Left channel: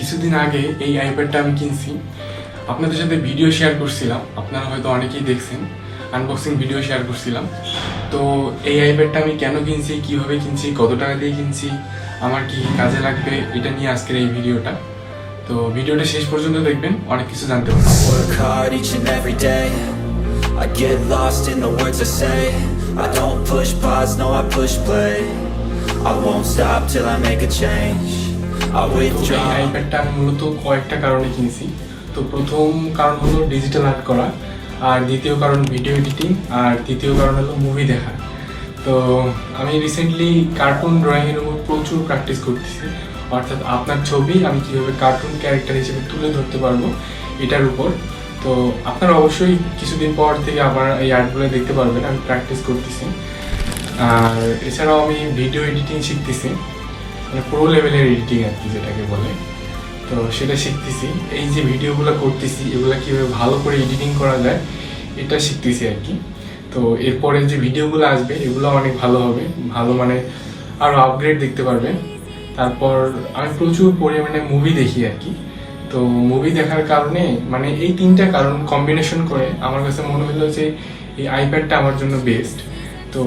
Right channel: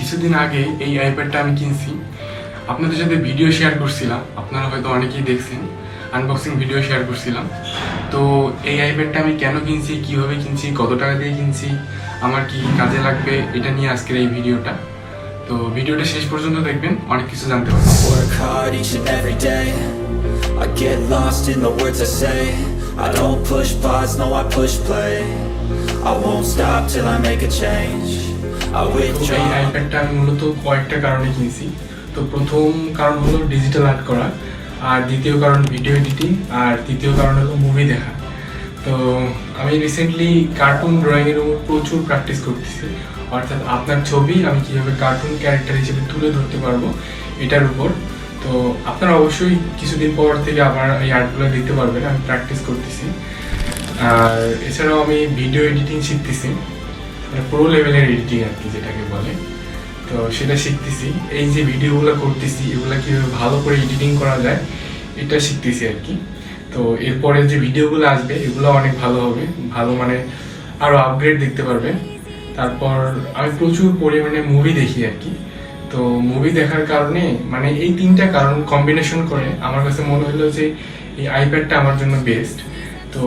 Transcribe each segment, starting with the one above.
কিছুদিন আগে এই আইপ্যাডটা আমি কিনছি। আপনাদের সাথে ভিডিও শেয়ার করছিলাম, আপনারা হয়তো অনেকেই দেখছেন আনবক্সিং ভিডিও শেয়ার করছিলাম। তো এই আইপ্যাডটা আমি কেন কিনছি, কীভাবে কিনছি, কত টাকা দিয়ে কিনছি, আমার কি কাজে লাগবে, এটা নিয়ে আজকের এই ভিডিওটা তো ভিডিওটা শেষ পর্যন্ত দেখবেন, অনেক কিছু জানতে পারবেন। I won't stop till I make a change. এই আইপ্যাডটা আমি মূলত কয়েকটা কারণে কিনছি। তো প্রথম কারণ হলো ডিজিটাল আর্ট করা আর দ্বিতীয় কারণ ভিডিও এডিটিং আর তৃতীয় কারণ হলো মুভি দেখা। তো আমি রিসেন্টলি কার্টুন ড্রয়িংয়ের উপর প্রচুর প্র্যাকটিস করতেছি। অর্থাৎ আপনার ছবি আমি কীভাবে কার্টুন ক্যারেক্টার হিসেবে তুলে ধরতে পারব এটার উপর। তো আপনারা অবশ্যই কিছুদিন পর থেকে আবার এই আর্টগুলো দেখতে পারবেন আমি প্র্যাকটিস করতেছি। আর এছাড়াও আমি ভিডিও এডিটিং শিখতেছি। প্রো লেভেলের এডিটিং আর কি যেটাকে বলে। তো সেটা শিখতেছি। এই যে ভিডিওগুলো করতেছি, এগুলো কীভাবে ভালো করে এডিটিং করা যায়, এটা শিখতেছি আর কি। তো এরপরে যে ভিডিওগুলো আসবে, এগুলো অনেক ভালো হবে। ভালো মানে আরও আপগ্রেড দেখতে পারবে। তারপর আমি প্রচুর পরিমাণে মুভি দেখি আর কি। তো মুভি দেখার কারণে মানে এই তিনটা কারণ কম্বিনেশন করে আমার কাছে মনে হলো যে এই আইপ্যাডটা আমার জন্য বেস্ট তো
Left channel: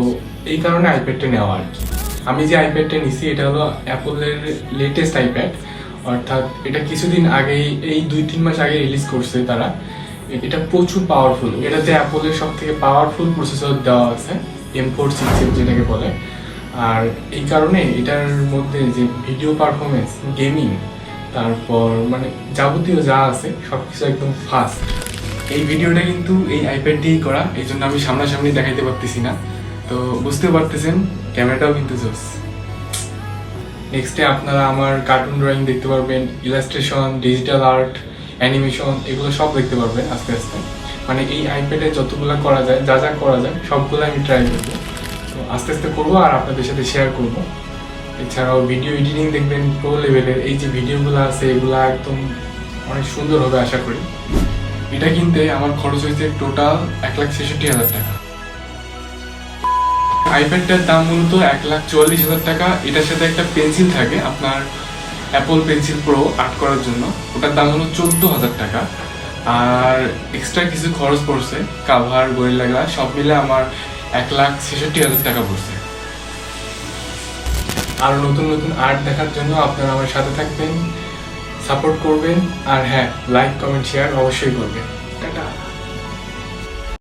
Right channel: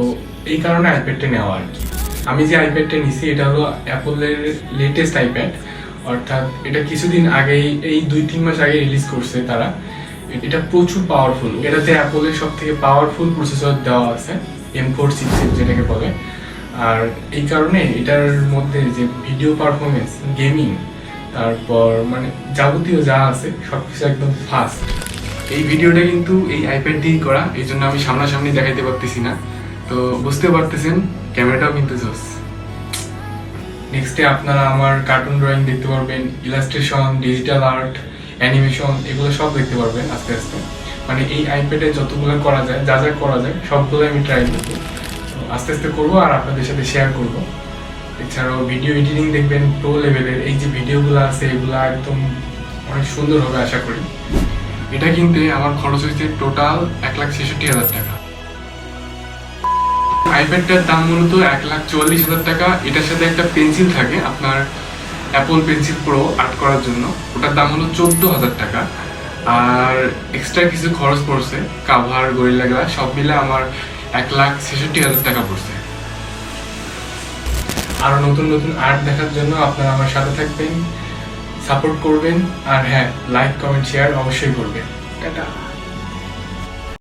এই কারণে আইপ্যাডটা নেওয়া আর কি। আমি যে আইপ্যাডটা নিছি, এটা হলো অ্যাপলের লেটেস্ট আইপ্যাড অর্থাৎ এটা কিছুদিন আগেই, এই দুই তিন মাস আগে রিলিজ করছে তারা। এটা প্রচুর পাওয়ারফুল এটাতে অ্যাপলের সব থেকে পাওয়ারফুল প্রসেসর দেওয়া আছে এম ফোর সিক্স যেটাকে বলে। আর এই কারণে এটার মধ্যে যে ভিডিও পারফরমেন্স গেমিং তারপর মানে যাবতীয় যা আছে সব কিছু একদম ফাস্ট এই ভিডিওটা কিন্তু এই আইপ্যাড দিয়েই করা এই জন্য আমি সামনাসামনি দেখাইতে পারতেছি না। তো বুঝতে পারতেছেন ক্যামেরাটাও কিন্তু জোস। নেক্সটে আপনারা আমার কার্টুন ড্রয়িং দেখতে পারবেন ইলাস্ট্রেশন ডিজিটাল আর্ট অ্যানিমেশন এগুলো সব দেখতে পারবেন আস্তে আস্তে। মানে এই আইপ্যাডে যতগুলো করা যায়, যা যা করা যায়, সবগুলো আমি ট্রাই করব। তো আস্তে আস্তে করব আর আপনাদের সাথে শেয়ার করব। এছাড়াও ভিডিও এডিটিং দেখবেন প্রো লেভেলের এই যে ভিডিওগুলো আছে, এগুলো একদম অনেক সুন্দর হবে আশা করি। এটা কিনতে আমার খরচ হয়েছে টোটাল এক লাখ ছেষট্টি হাজার টাকা। আইপ্যাডটার দাম মূলত এক লাখ চুয়াল্লিশ হাজার টাকা। এটার সাথে একটা পেন্সিল থাকে, আপনার অ্যাপল পেন্সিল প্রো আর্ট করার জন্য। ওটার দাম হলো চোদ্দ হাজার টাকা। আর এক্সট্রা কিছু খরচ পড়ছে, কাভার, গরিলা গ্লাস সব মিলে আমার এক লাখ ছেষট্টি হাজার টাকা পড়ছে। আরও নতুন নতুন আর্ট দেখার জন্য আপনারা আমার সাথে থাকবেন সাপোর্ট করবেন। আর হ্যাঁ লাইক কমেন্ট শেয়ার অবশ্যই করবেন। টাটা।